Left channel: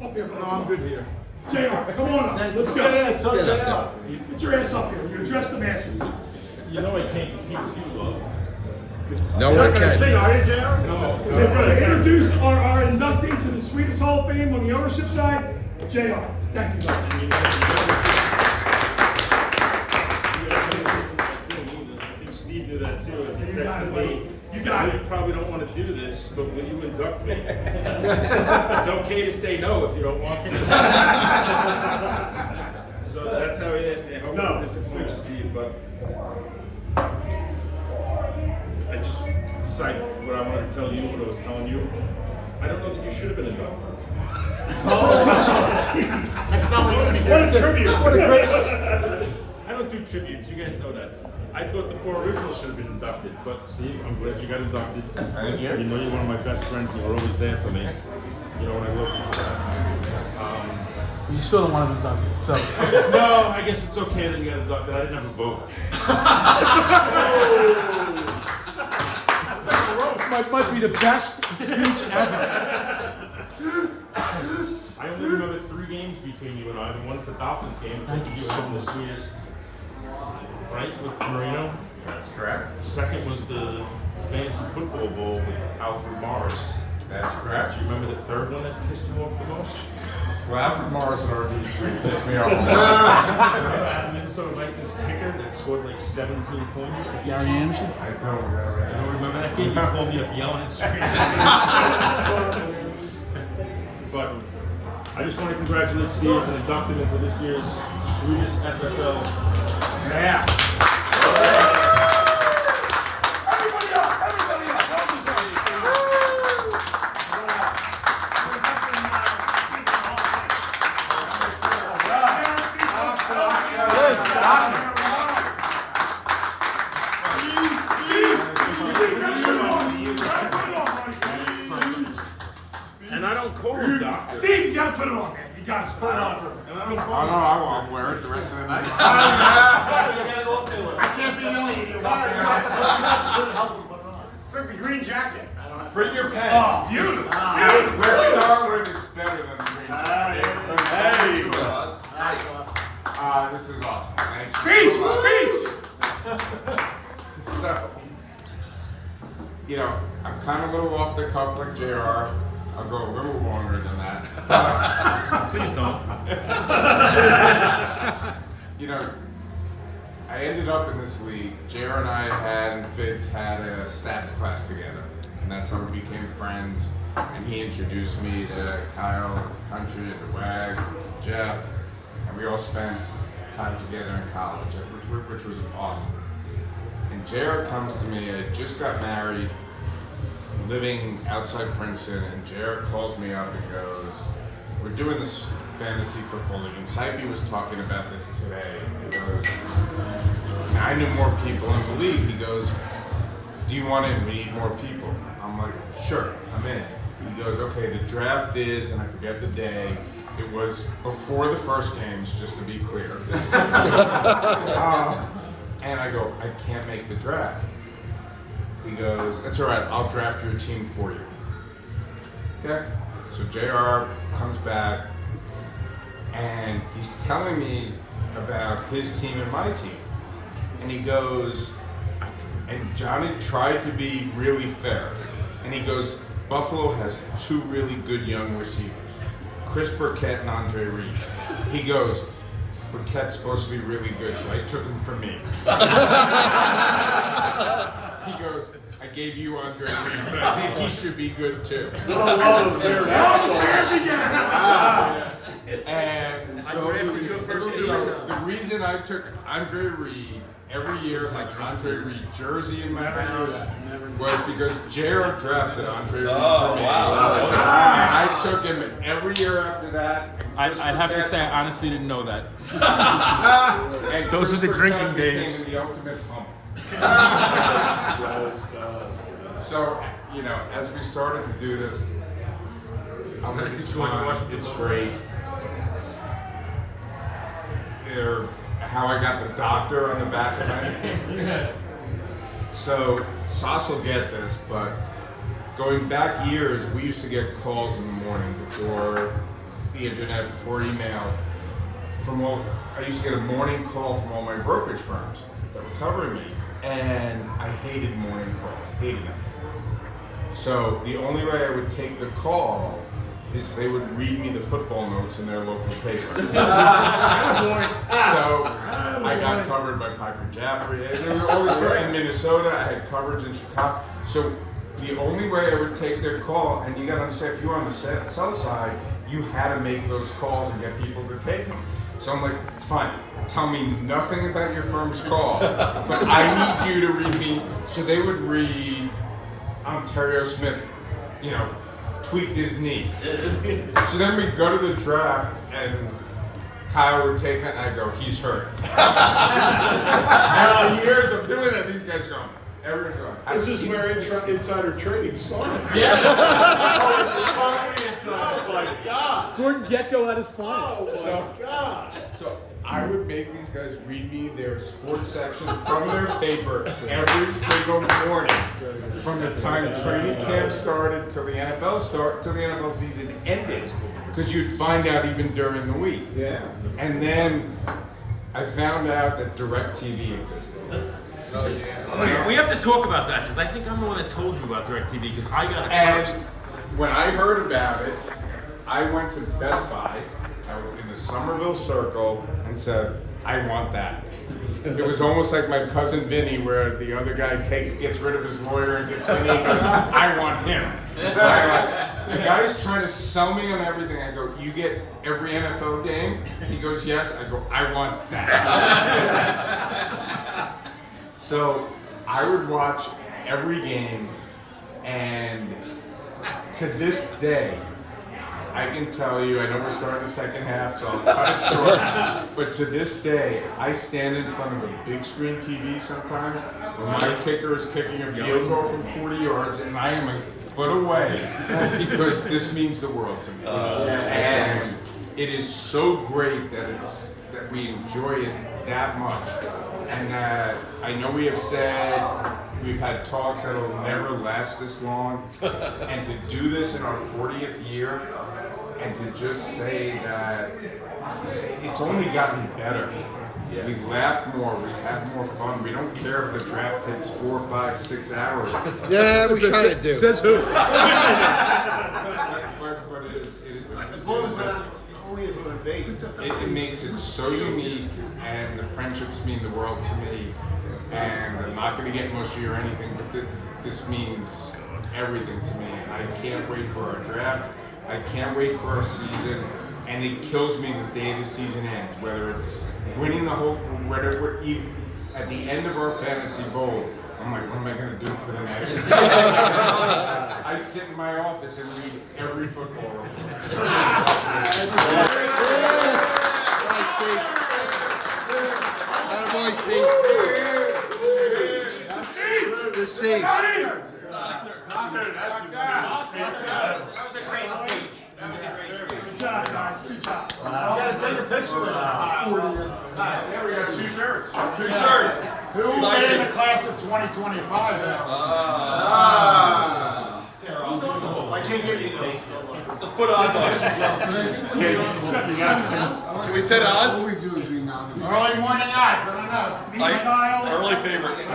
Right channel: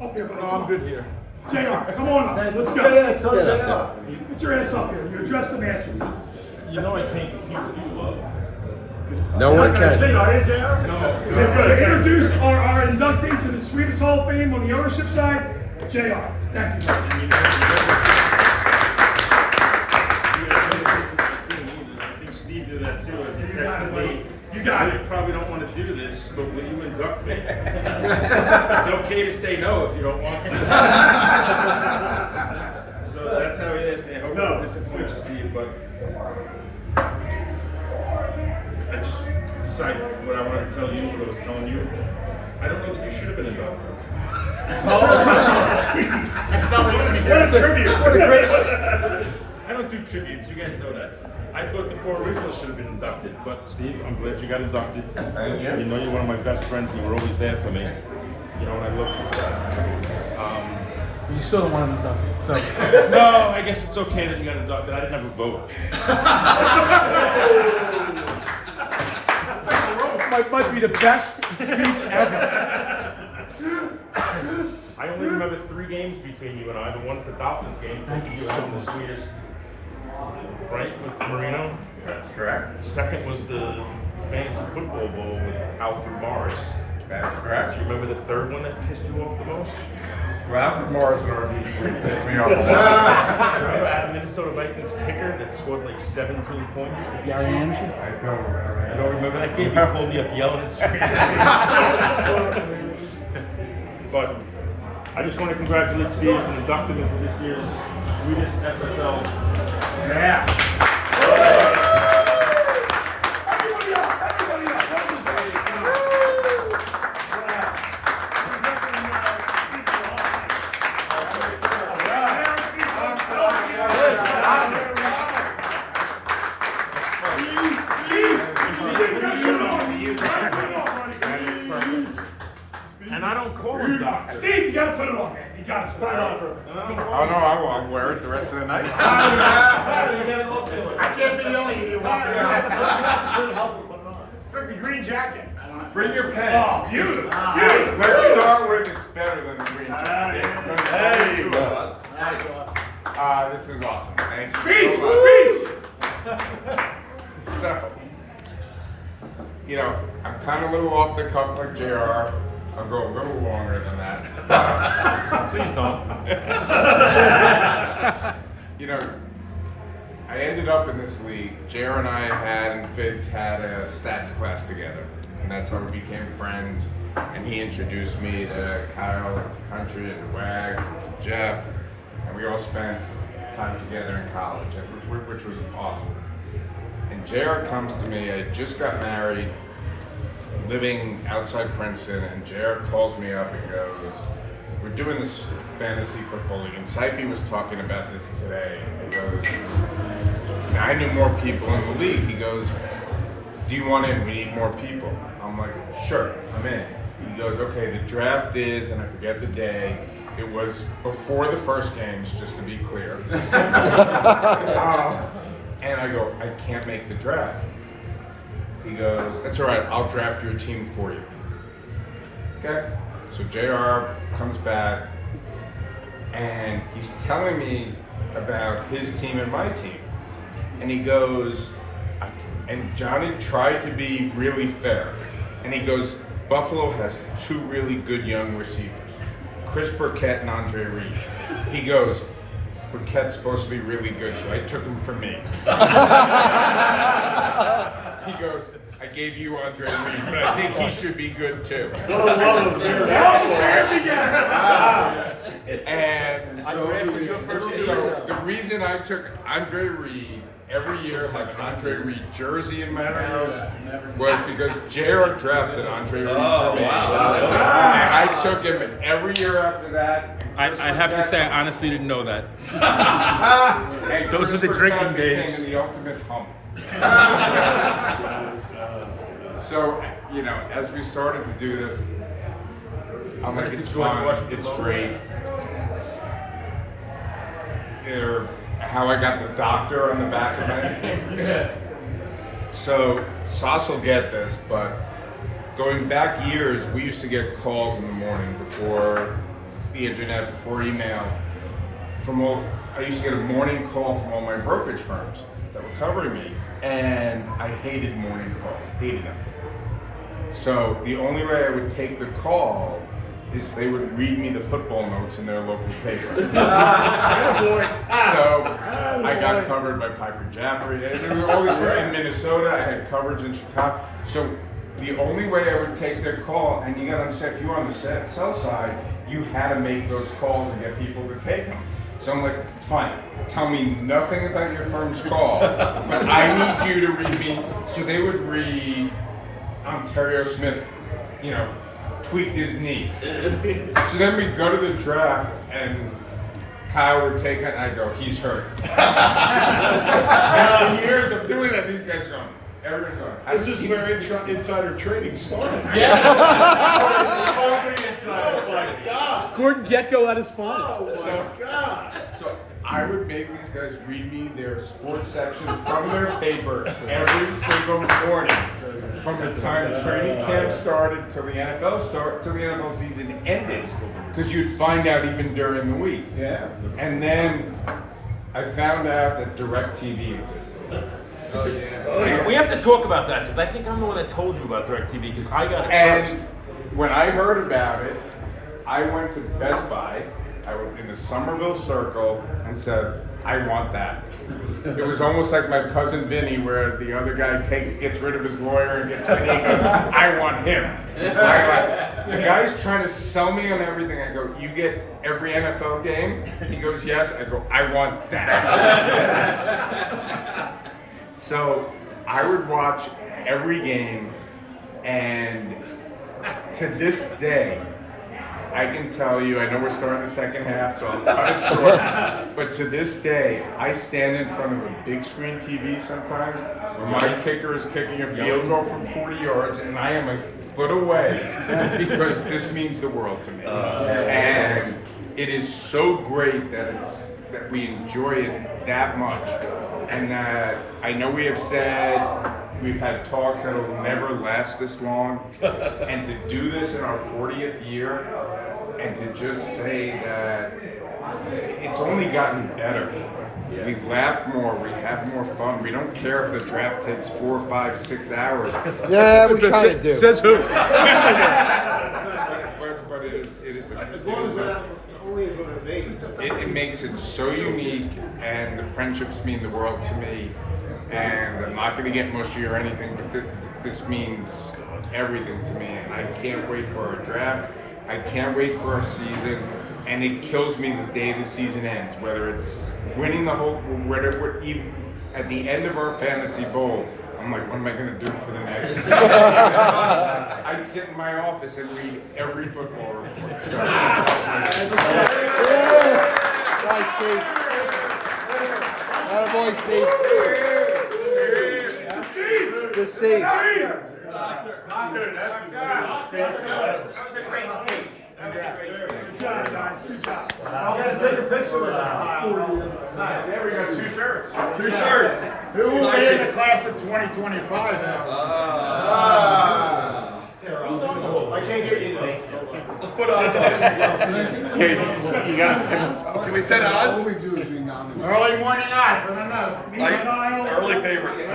Up here, buddy. No, I'm good here. JR, come on up. Let's go. Get your ass up here. You address the masses. You know I can't compete with you, love. No one can. Are you, JR? No. To introduce our inductee to the Sweetest Hall of Fame on the ownership side, JR. Thank you. I think Steve knew that too as he texted me. You got it. You probably don't want to do this, but will you induct me? It's okay to say no if you don't want to. So that's how he asked me. I hope I don't disappoint you, Steve, but I just decided what I wanted to tell you, what I was telling you. I don't know that you should have been inducted. That's not what a tribute. What a great. Listen, I don't do tributes. You guys know that. I thought the 4 originals should have been inducted, but Steve, I'm glad you got inducted. Thank you. You know you're one of my best friends. You were always there for me. You know, and I love you for that. You still don't want to induct it, so. No, I guess it's okay that you got inducted. I didn't have a vote. Might be the best speech ever. I only remember 3 games between you and I. The one's the Dolphins game. Thank you You so had the much. sweetest, right, with Marino. That's correct. Second was the Fantasy Football Bowl with Alfred Morris. That's correct. Do you remember the 3rd one that pissed you off the most? Well, Alfred Morris and RG3 pissed me off a lot. Remember Adam Minnesota Vikings kicker that scored like 17 points? Gary Anderson? I don't remember. I don't remember that game. You pulled me up yelling and screaming. But I just want to congratulate Steve and induct him into this year's Sweetest FFL. Yeah. And I don't call him Doc. Steve, you gotta put it on, man. You gotta put it on for him. And I don't call Oh him no, I won't wear it the rest of the night. I can't be yelling at you. It's like the green jacket. Bring your pen. Oh, beautiful. Beautiful. Let's start with it's better than the green. This is awesome. Thanks Speech, so much. speech. So, you know, I'm kind of a little off the cuff like JR. I'll go a little longer than that. Please don't. You know, I ended up in this league. JR and I and Fitz had a stats class together. And that's how we became friends. And he introduced me to Kyle, to Country, and to Wags, and to Jeff. And we all spent time together in college, which was awesome. And JR comes to me, I just got married, living outside Princeton, and JR calls me up and goes, we're doing this fantasy football league, and Sipey was talking about this today, and he goes, I knew more people in the league. He goes, do you want in? We need more people. I'm like, sure, I'm in. He goes, okay, the draft is, and I forget the day, it was before the first games, just to be clear. And I go, I can't make the draft. He goes, that's all right, I'll draft your team for you. Okay, so JR comes back, and he's telling me about his team and my team. And he goes, and Johnny tried to be really fair. And he goes, Buffalo has 2 really good young receivers, Chris Burkett and Andre Reed. He goes, Burkett's supposed to be really good, so I took him for me. He goes, I gave you Andre Reed, but I think he should be good too. And so the reason I took Andre Reed every year, my Andre Reed jersey in my house, was because JR drafted Andre Reed. Oh, wow. And I took him every year after that. I have to say, I honestly didn't know that. And Those were the Chris drinking Burkett days. became the ultimate hump. So, you know, as we started to do this, I'm like, it's fun, it's great. How I got the doctor on the back of it. So, Sauce will get this, but going back years, we used to get calls in the morning before the internet, before email, I used to get a morning call from all my brokerage firms that were covering me, and I hated morning calls, hated them. So the only way I would take the call is they would read me the football notes in their local paper. So I got covered by Piper Jaffray. They were always in Minnesota. I had coverage in Chicago. So the only way I would take their call, and you got to understand, if you were on the sell side, you had to make those calls and get people to take them. So I'm like, it's fine. Tell me nothing about your firm's call, but I need you to read me. So they would read Ontario Smith, tweaked his knee. So then we go to the draft, and Kyle would take it, and I go, he's hurt. And for years of doing that, these guys going, everyone's going. This is where insider trading started. Yeah. Oh my God. Gordon Gekko at his finest. Oh my God. So I would make these guys read me their sports section from their paper every single morning, from the time training camp started till the NFL season ended, because you'd find out even during the week. Yeah. And then I found out that DirecTV existed. We have to talk about that because I think I'm the one that told you about DirecTV because I got it first. And when I heard about it, I went to Best Buy. I was in the Somerville Circle and said, I want that. It was almost like my cousin Vinny, where the other guy gets rid of his lawyer and gets Vinny. I want him. The guy's trying to sell me on everything. I go, you get every NFL game? He goes, yes. I go, I want that. So I would watch every game, and to this day, I can tell you, I know we're starting the second half, so I'll cut it short, but to this day, I stand in front of a big screen TV sometimes where my kicker is kicking a field goal from 40 yards, and I am a foot away because this means the world to me. And it is so great that we enjoy it that much. And I know we have said, we've had talks that'll never last this long, and to do this in our 40th year, and to just say that it's only gotten better. We laugh more, we have more fun. We don't care if the draft takes 4, 5, 6 hours. Yeah, we kind of do. Says who? But it is As long as that only is what it is. it makes it so unique, and the friendships mean the world to me. And I'm not going to get mushy or anything, but this means everything to me. And I can't wait for our draft. I can't wait for our season. And it kills me the day the season ends, whether it's winning the whole, whatever, even at the end of our fantasy bowl. I'm like, what am I going to do for the next season? I sit in my office and read every football report. So, Attaboy, Steve. To Steve. Good job, guys. Good job. I'll take a picture with that. there we go, 2 shirts. Who will be in the class of 2025 now? I can't get you those. Let's put odds on it. Can we set odds? All we do is we nominate. Early morning odds, I don't know. Early favorite.